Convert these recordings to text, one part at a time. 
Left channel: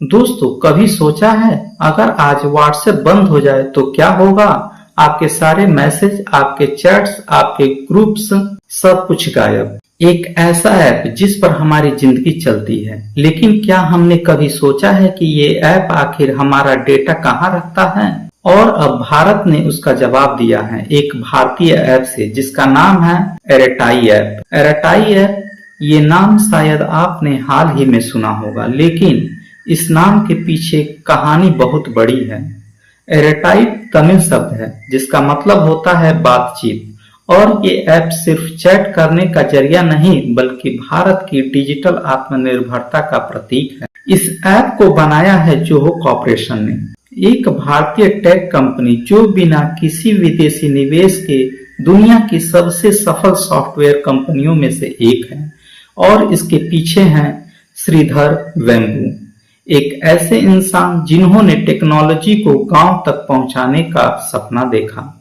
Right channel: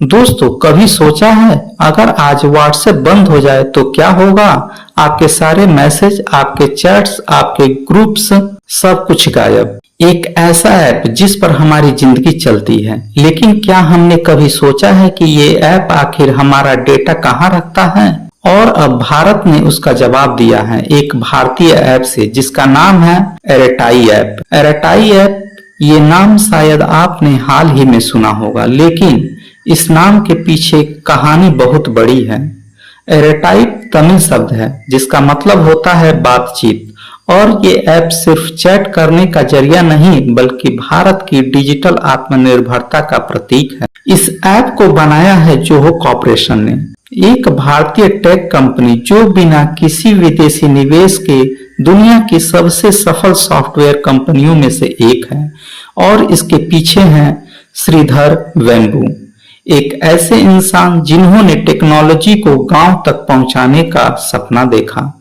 दोस्तों, कभी सोचा है अगर आज व्हाट्सएप बंद हो जाए तो क्या होगा। आपके सारे मैसेज, आपके चैट्स, आपके ग्रुप्स, सब कुछ गायब। एक ऐसा ऐप जिस पर हमारी जिंदगी चलती है, लेकिन क्या हमने कभी सोचा है कि ये ऐप आखिर हमारा डेटा कहाँ रखता है। और अब भारत ने उसका जवाब दिया है एक भारतीय ऐप से जिसका नाम है एयरटाई ऐप। एयरटाई ऐप, ये नाम शायद आपने हाल ही में सुना होगा, लेकिन इस नाम के पीछे कहानी बहुत बड़ी है। एयरटाइप तमिल शब्द है जिसका मतलब होता है बातचीत, और ये ऐप सिर्फ चैट करने का जरिया नहीं बल्कि भारत की डिजिटल आत्मनिर्भरता का प्रतीक है। इस ऐप को बनाया है जोहो कॉर्पोरेशन ने, एक भारतीय टेक कंपनी जो बिना किसी विदेशी निवेश के दुनिया की सबसे सफल सॉफ्टवेयर कंपनियों में से एक है। और इसके पीछे हैं श्रीधर वेम्बू, एक ऐसे इंसान जिन्होंने टेक्नोलॉजी को गांव तक पहुंचाने का सपना देखा।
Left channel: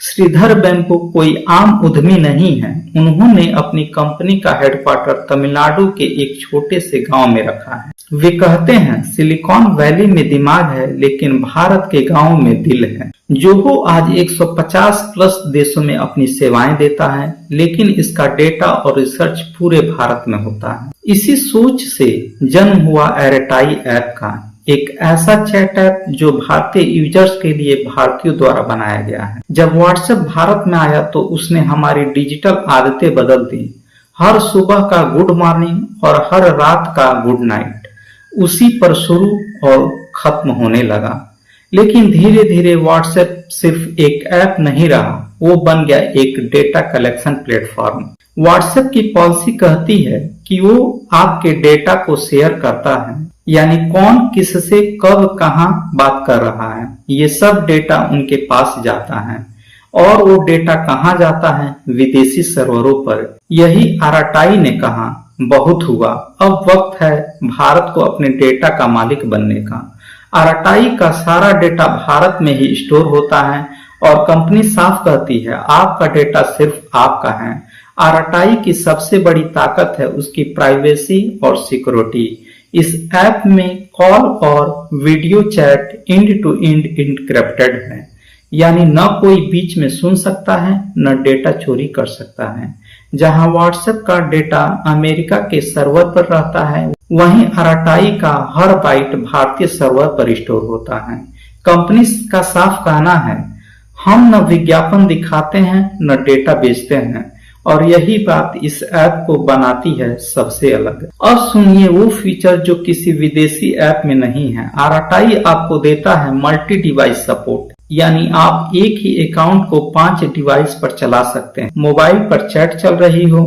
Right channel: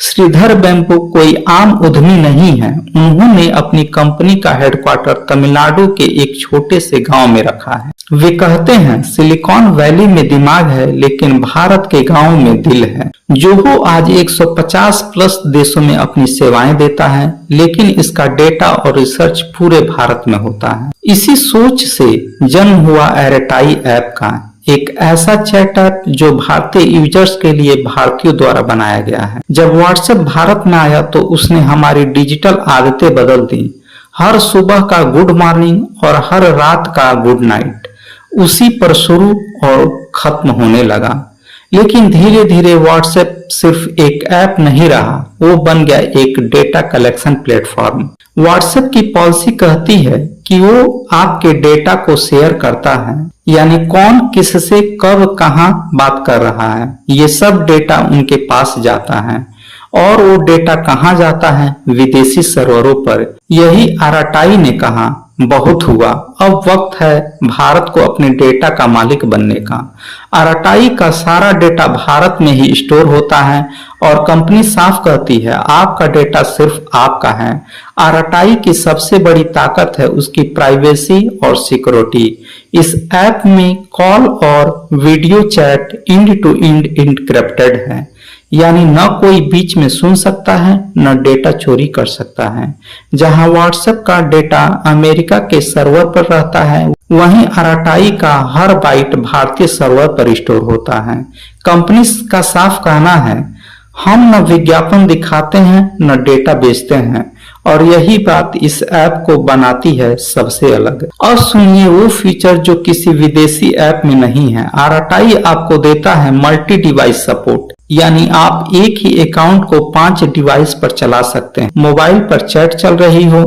श्रीधर वेम्बू कोई आम उद्यमी नहीं है। उन्होंने अपनी कंपनी का हेडक्वार्टर तमिलनाडु के एक छोटे से गांव में रखा है। वे कहते हैं, सिलिकॉन वैली में दिमाग है लेकिन भारत के गांव में दिल है। जोहो आज 150 प्लस देशों में अपनी सेवाएं देता है, लेकिन इसका डेटा और रिसर्च पूरे भारत में होता है। इसी सोच से जन्म हुआ एयरटाई ऐप का, एक ऐसा चैट ऐप जो भारतीय यूजर्स के लिए भारतीयों द्वारा बनाया गया है। जब व्हाट्सएप भारत में आया तो उसने हमारी डिजिटल आदतें बदल दी। हर सुबह का गुड मॉर्निंग और हर रात का गुड नाइट उसी पर शुरू और खत्म होने लगा। लेकिन धीरे धीरे व्हाट्सएप सिर्फ एक ऐप नहीं रहा, वो बन गया एक डेटा कलेक्शन प्लेटफॉर्म। व्हाट्सएप की पॉलिसी कहती है कि वो आपके डेटा को शेयर करता है, यानी कौन किससे कब कहां बात कर रहा है, ये सब डेटा उनके पास जाता है। और वो डेटा कहां जाता है? विदेशी सर्वरों पर। यही एयरटाई ने कहा, बहुत हुआ, अब वक्त है भारत को अपने डेटा का मालिक बनने का। एयरटाई का सारा डेटा भारत में ही स्टोर होता है और कंपनी साफ कहती है आपका डेटा सिर्फ आपका है। एयरटाई की सबसे बड़ी ताकत है उसकी प्राइवेसी और सिक्योरिटी। इस ऐप में कॉल और video chat end to end encrypted है, यानी न कोई बीच में सुन सकता है न डेटा चोरी कर सकता है। जहां व्हाट्सएप का डेटा अमेरिका के सर्वर पर रहता है, वहीं एयरटाई का हर बाइट भारतीय सर्वर पर स्टोर होता है। कंपनी का साफ कहना है, हम न विज्ञापन दिखाते हैं न डेटा बेचते हैं, और यही बात इस ऐप को बनाती है सबसे अलग। और सुनिए वो फीचर जो किसी विदेशी ऐप में नहीं है। एयरटाई आपको देता है मल्टी डिवाइस सपोर्ट, यानी आप एक ही अकाउंट को 5 डिवाइस पर चला सकते हैं। मोबाइल पर चैट चल रही हो,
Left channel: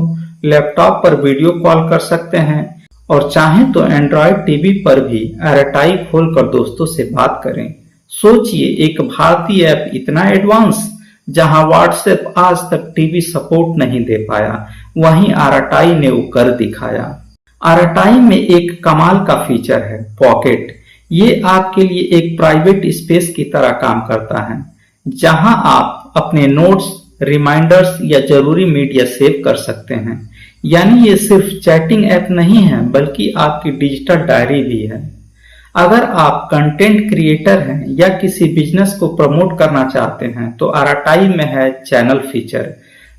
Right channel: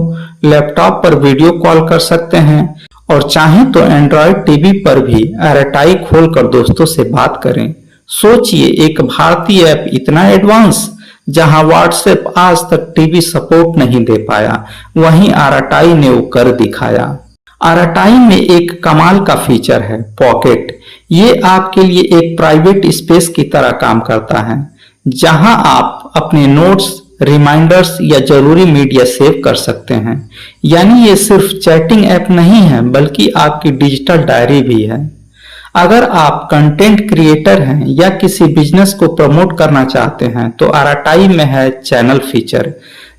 लैपटॉप पर वीडियो कॉल कर सकते हैं, और चाहें तो एंड्रॉयड टीवी पर भी एयरटाई खोलकर दोस्तों से बात करें। सोचिए, एक भारतीय ऐप इतना एडवांस, जहां व्हाट्सएप आज तक टीवी सपोर्ट नहीं दे पाया, वहीं एयरटाई ने वो कर दिखाया। एयरटाई में एक कमाल का फीचर है पॉकेट। ये आपके लिए एक प्राइवेट स्पेस की तरह काम करता है, जहां आप अपने नोट्स, रिमाइंडर्स या जरूरी मीडिया सेव कर सकते हैं। यानी ये सिर्फ चैटिंग ऐप नहीं है बल्कि आपकी डिजिटल डायरी भी है। अगर आप कंटेंट क्रिएटर हैं या किसी बिजनेस को प्रमोट करना चाहते हैं तो एयरटाई में है चैनल फीचर,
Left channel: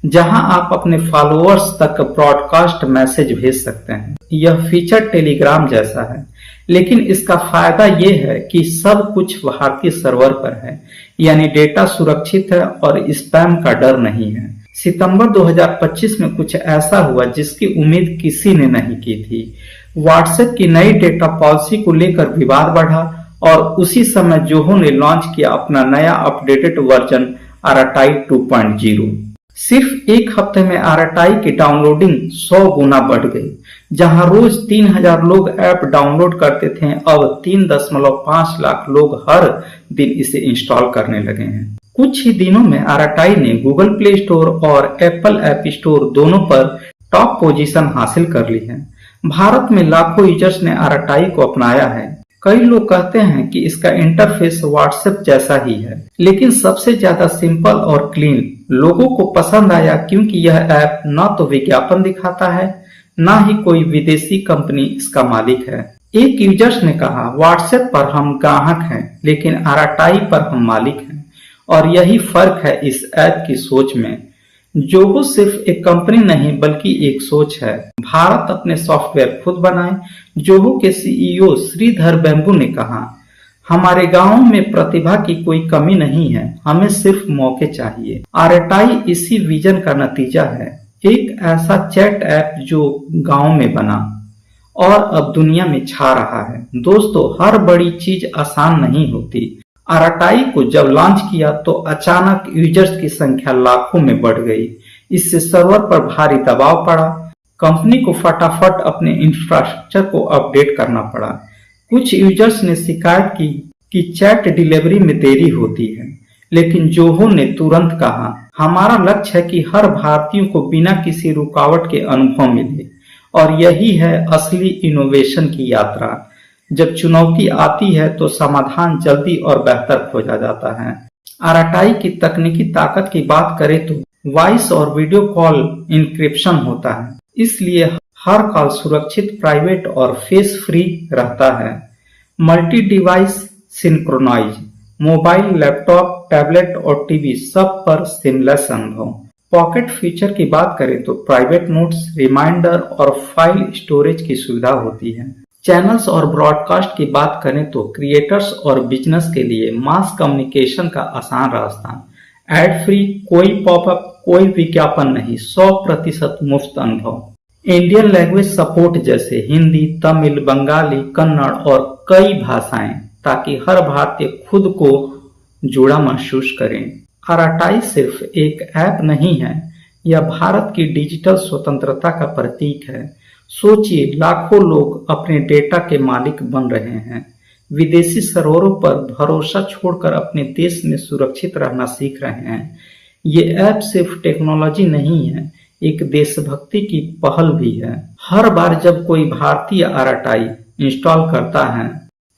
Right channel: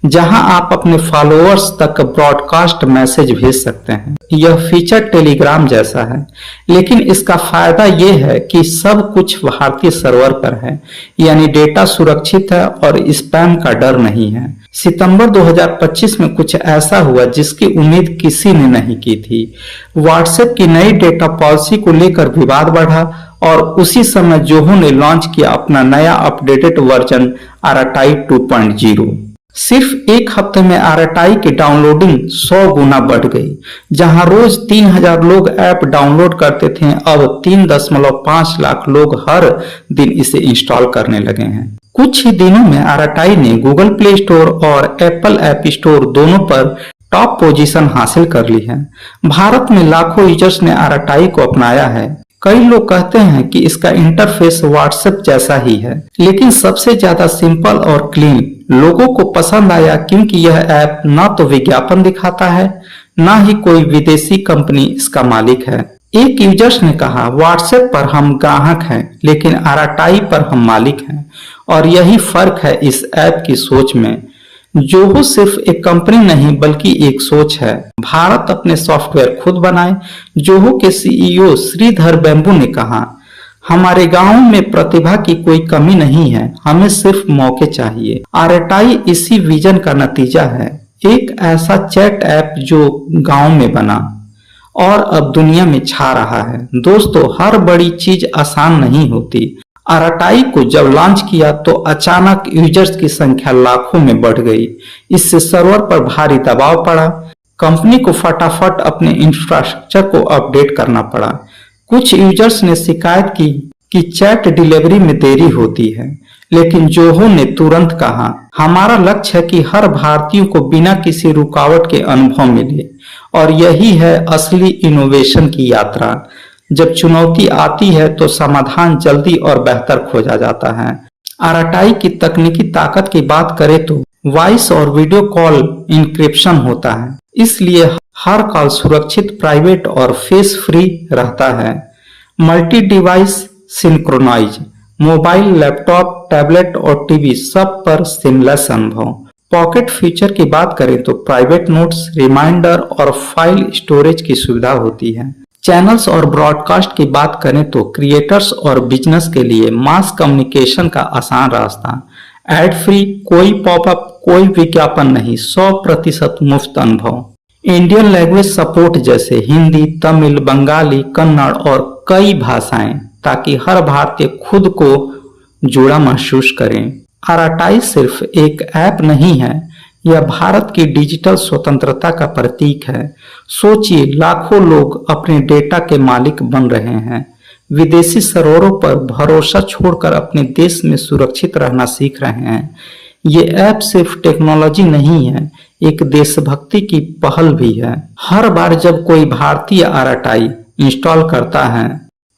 जहां आप अपने फॉलोअर्स तक ब्रॉडकास्ट मैसेज भेज सकते हैं। यह फीचर टेलीग्राम जैसा है, लेकिन इसका फायदा यह है कि सब कुछ भारतीय सर्वर पर है, यानी डेटा सुरक्षित है और स्पैम का डर नहीं है। सितंबर 2025 में कुछ ऐसा हुआ जिसकी उम्मीद किसी ने नहीं की थी। व्हाट्सएप की नई डेटा पॉलिसी को लेकर विवाद बढ़ा और उसी समय जोहो ने लॉन्च किया अपना नया अपडेटेड वर्जन एयरटाई 2.0। सिर्फ एक हफ्ते में एयरटाई की डाउनलोडिंग 100 गुना बढ़ गई। जहां रोज 3000 लोग ऐप डाउनलोड करते थे, अब 3.5 लाख लोग हर दिन इसे इंस्टॉल करने लगे हैं। कुछ ही दिनों में एयरटाई ने गूगल प्ले स्टोर और एप्पल ऐप स्टोर दोनों पर टॉप पोजीशन हासिल कर ली है। भारत में लाखों यूजर्स ने एयरटाई को अपनाया है। कई लोग कहते हैं कि इसका इंटरफेस व्हाट्सएप जैसा ही है, लेकिन सबसे ज्यादा सिंपल और क्लीन। लोगों को पसंद आया क्योंकि यह ऐप ना तो विज्ञापन दिखाता है, ना ही कोई विदेशी कंपनी इसका मालिक है। एक यूजर्स ने कहा, व्हाट्सएप पर हम ग्राहक हैं लेकिन आरटीआई पर हम मालिक हैं। और यही फर्क है इस ऐप की सोच में। जोहो सिर्फ एक कंपनी नहीं बल्कि एक सोच है। भारत अपने सॉफ्टवेयर खुद बनाए। जोहो के सीईओ श्रीधर बेम्बू ने कहा, हमारे गांव में प्रतिभा की कोई कमी नहीं है, हमें सिर्फ मौके चाहिए। आरटीआई इसी विजन का नतीजा है, एक ऐसा चैट ऐप जो गांव में बना और अब दुनिया में छा रहा है। दोस्तों, हर बड़ी चीज आसान नहीं होती। आरटीआई को जब लॉन्च किया तो अचानक यूजर्स की संख्या लाखों में बढ़ गई। इससे सर्वर पर भारी दबाव पड़ा। कंपनी को फटाफट अपने इंफ्रास्ट्रक्चर को अपडेट करना पड़ा। कुछ यूजर्स ने शिकायत की कि चैट डिलीवरी में देरी होती है, लेकिन जोहो ने तुरंत कहा, हमारा लक्ष्य है कि हर भारतीय को बिना किसी रुकावट के अनुभव मिले। और यही है असली इनोवेशन की यात्रा। जब चुनौती आती है तो समाधान जल्दी और बेहतर खोजा जाता है। आरटीआई की तकनीकी ताकत की बात करें तो वॉइस और वीडियो कॉल इंक्रिप्शन होता है, इसलिए हर कॉल सुरक्षित, प्राइवेट और फेस फ्री रहता है। Multi device synchronize, mobile, laptop, tablet और टीवी सब पर सिमलेस अनुभव। पॉकेट फीचर की बात करें तो प्राइवेट नोट्स, रिमाइंडर और फाइल स्टोरेज की सुविधा होती है। चैनल्स और ब्रॉडकास्ट की बात करें तो क्रिएटर्स और बिजनेस के लिए मास कम्युनिकेशन का आसान रास्ता। एड फ्री, कोई पॉपअप, कोई विज्ञापन नहीं, 100% मुफ्त अनुभव। इंडियन लैंग्वेज सपोर्ट जैसे हिंदी, तमिल, बंगाली, कन्नड़ और कई भाषाएं, ताकि हर भारतीय खुद को जुड़ा महसूस करें। आरटीआई सिर्फ एक ऐप नहीं है, यह भारत की डिजिटल स्वतंत्रता का प्रतीक है। सोचिए, लाखों लोग अपने डेटा के मालिक बन रहे हैं, विदेशी सर्वरों पर भरोसा छोड़कर अपने देश में सुरक्षित रहना सीख रहे हैं। ये ऐप सिर्फ टेक्नोलॉजी नहीं है, एक देशभक्ति की पहल भी है। हर बार जब कोई भारतीय आरटीआई इंस्टॉल करता है,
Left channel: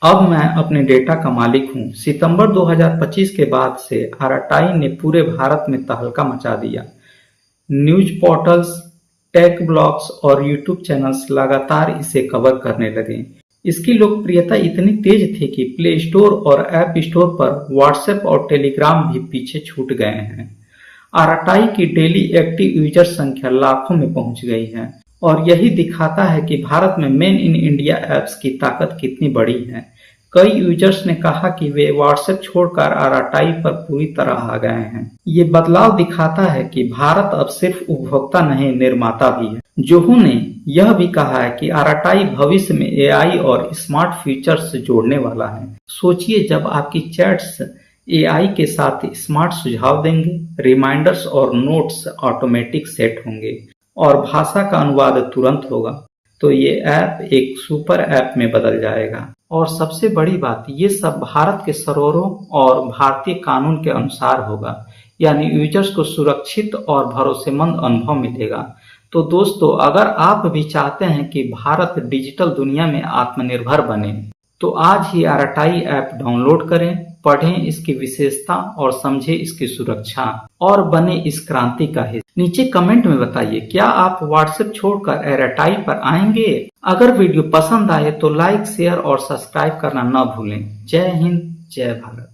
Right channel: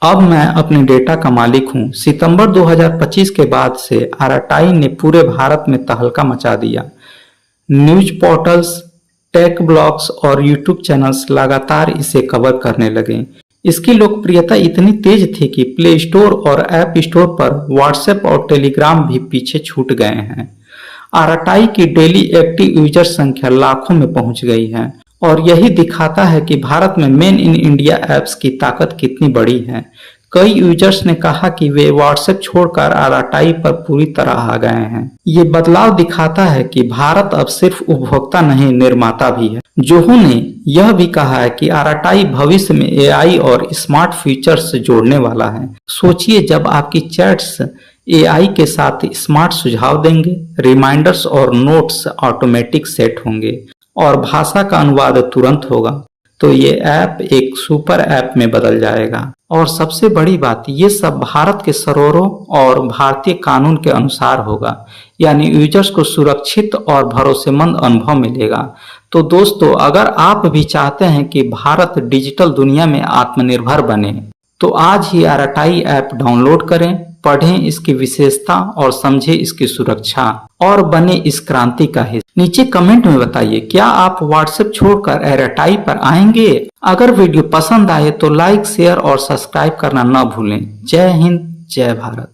अब मैं अपने डेटा का मालिक हूँ। सितंबर 2025 के बाद से आरटीआई ने पूरे भारत में तहलका मचा दिया। न्यूज पोर्टल्स, टेक ब्लॉग्स और यूट्यूब चैनल्स लगातार इसे कवर करने लगे। इसकी लोकप्रियता इतनी तेज थी कि प्ले स्टोर और ऐप स्टोर पर व्हाट्सएप और टेलीग्राम भी पीछे छूट गए हैं। आरटीआई की डेली एक्टिव यूजर संख्या लाखों में पहुंच गई है और यही दिखाता है कि भारत में मेन इन इंडिया ऐप्स की ताकत कितनी बड़ी है। कई यूजर्स ने कहा कि वे व्हाट्सएप छोड़कर आरटीआई पर पूरी तरह आ गए हैं। ये बदलाव दिखाता है कि भारत अब सिर्फ उपभोक्ता नहीं, निर्माता भी है। जोहो ने यह भी कहा है कि आरटीआई भविष्य में एआई और स्मार्ट फीचर्स जोड़ने वाला है। सोचिए, जब आपकी चैट्स एआई के साथ स्मार्ट सुझाव देंगे, रिमाइंडर्स और नोट्स ऑटोमेटिक सेट होंगे और भाषा का अनुवाद तुरंत होगा, तो ये ऐप एक सुपर ऐप में बदल जाएगा। और सबसे बड़ी बात, ये सब भारत के सर्वरों और भारतीय कानून के अनुसार होगा, यानी यूजर्स को सुरक्षित और भरोसेमंद अनुभव मिलेगा। तो दोस्तों, अगर आप भी चाहते हैं कि भारत डिजिटल दुनिया में आत्मनिर्भर बने, तो आज ही आरटीआई ऐप डाउनलोड करें, पढ़ें इसकी विशेषता और समझें इसकी सुरक्षा और बने इस क्रांति का हिस्सा। नीचे कमेंट में बताइए, क्या आप व्हाट्सएप छोड़कर आरटीआई पर आएंगे? अगर वीडियो पसंद आए तो लाइक, शेयर और सब्सक्राइब करना न भूलें। जय हिंद, जय भारत।